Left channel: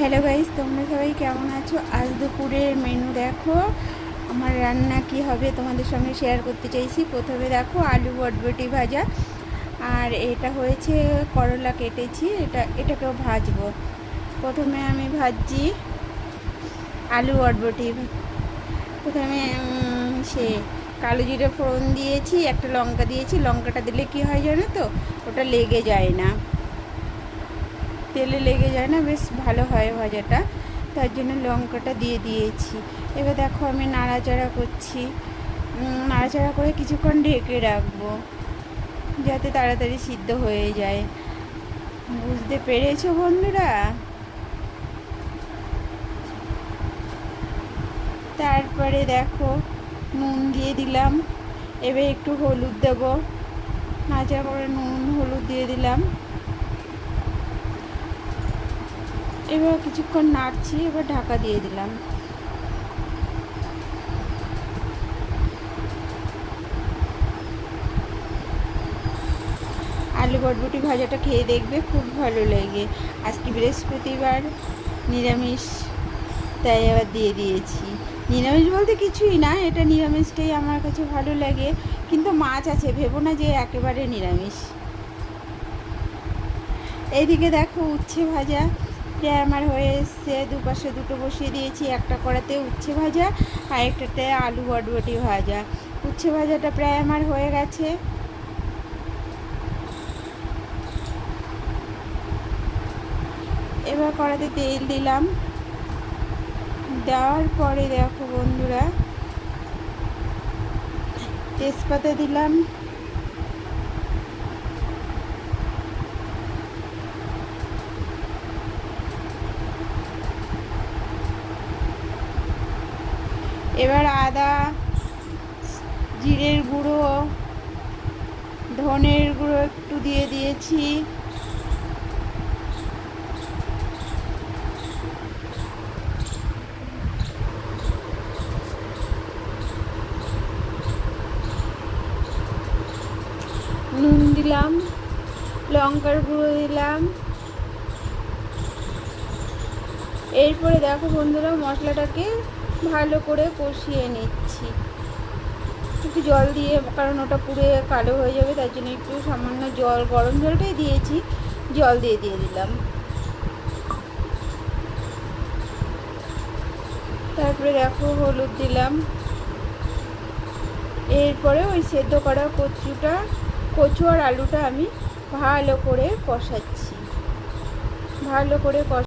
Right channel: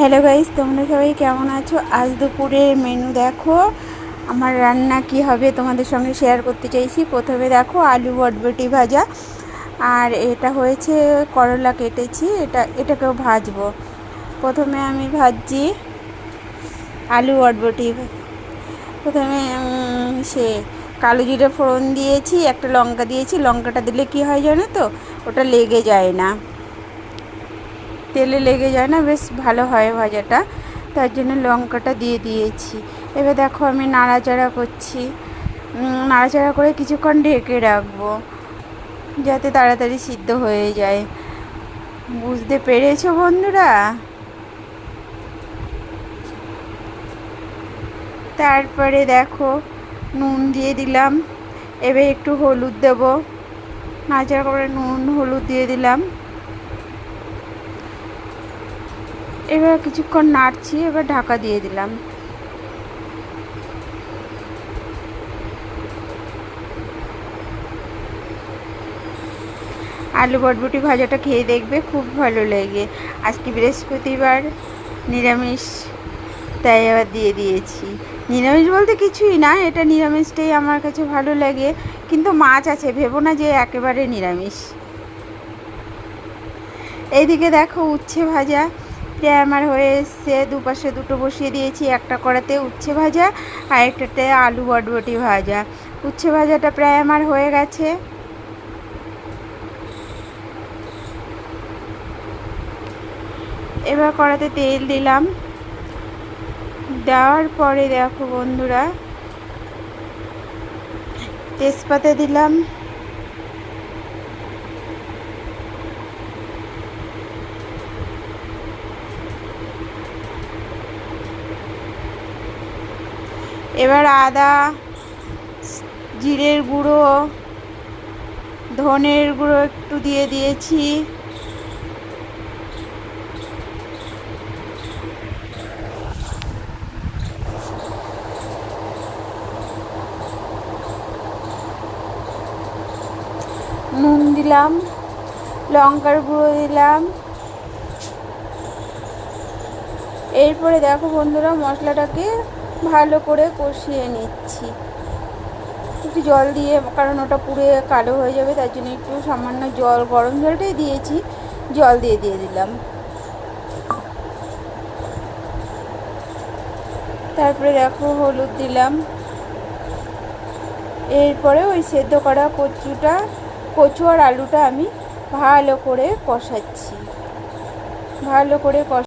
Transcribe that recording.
Hello guys, তোমরা সবাই কেমন আছো? আজ দুপুরের মেনু দেখো, আমার রান্না কি হবে তোমাদের সঙ্গে শেয়ার করতে চাইছি। প্রথমে দেখো আলু বটবটি ভাজা, আর এটা হয়েছে করলা কেটেছি, এটাকেও ভাজবো। প্রথমে আমি ভাজছি আলু বটবটি। প্রথমে সে কালো জিরে ফোড়ন দিয়েছি, একটা লঙ্কা দিয়েছি। লঙ্কাটা দিলে কি হয় জানো তো, ওটা লেগে যায় না, তেলে লেগে যায় না, বেশ ভালো হয় ভাজাটা, তার জন্য লঙ্কাটা দিয়ে দিয়েছি। এবার দেখো আমি নাড়াচাড়া করছি, নাড়াচাড়া করে কিছুক্ষণ ঢেকে রাখবো যাতে তাড়াতাড়ি সিদ্ধ হয়ে যায়। বুঝতে পেরেছো বন্ধুরা? তারপরে দেখো নুন দিয়ে দিলাম, এবার একটু হলুদ দেবো, নাড়াচাড়া করে নুন হলুদ দিয়ে দিলাম। এবার কিছুক্ষণ নাড়ছি, এবার ঢাকা দিয়ে দিলাম। আলু বটবটি ভাজাটা খেয়ে দেখবে, খুব ভালো লাগে। আজকে বৃহস্পতিবার, নিরামিষ, তাই আবার দিয়ে দিয়েছি। নিরামিষ বলতে কিছুই না, এটা নিরামিষটাই আমার কাছে ভালো লাগে, কিন্তু মাছ আছে, ভেবো না যে একেবারে নিরামিষ। এইদিকে দেখো উচ্ছে ভাজা প্রায় আমার হয়ে এসছে, দুপাশে দুটো বসিয়ে দিয়েছি, একটা কড়াতে উচ্ছে ভাজা আর একটাতে আলু বটবটি ভাজা। উচ্ছে ভাজাটা প্রায় আমার হয়ে গেছে। এবার কড়াতে তেল দিলাম, দেওয়ার পরে দেখো বন্ধুরা তেজপাতা দিলাম, এবার আদা, জিরের গুঁড়ো, ধনের গুঁড়ো একটু দিয়ে দিয়েছি, নুন দিলাম, লঙ্কার গুঁড়ো দিলাম। এরপরে দেখো বন্ধুরা মশলাটাকে ভালো করে কষিয়ে নিচ্ছি, একটু জল দিয়ে, কারণ ওটা পুড়ে কালো হয়ে যাবে, তার জন্য একটু সামান্য জল, গরম জলটাই দিয়েছি, জল দিয়ে দিলাম। তারপরে দেখো হলুদ দিলাম। এরপরে ওই সেদ্ধ করা কচু আর আলুটা আমি ভালো করে কষাচ্ছি, ভালো করে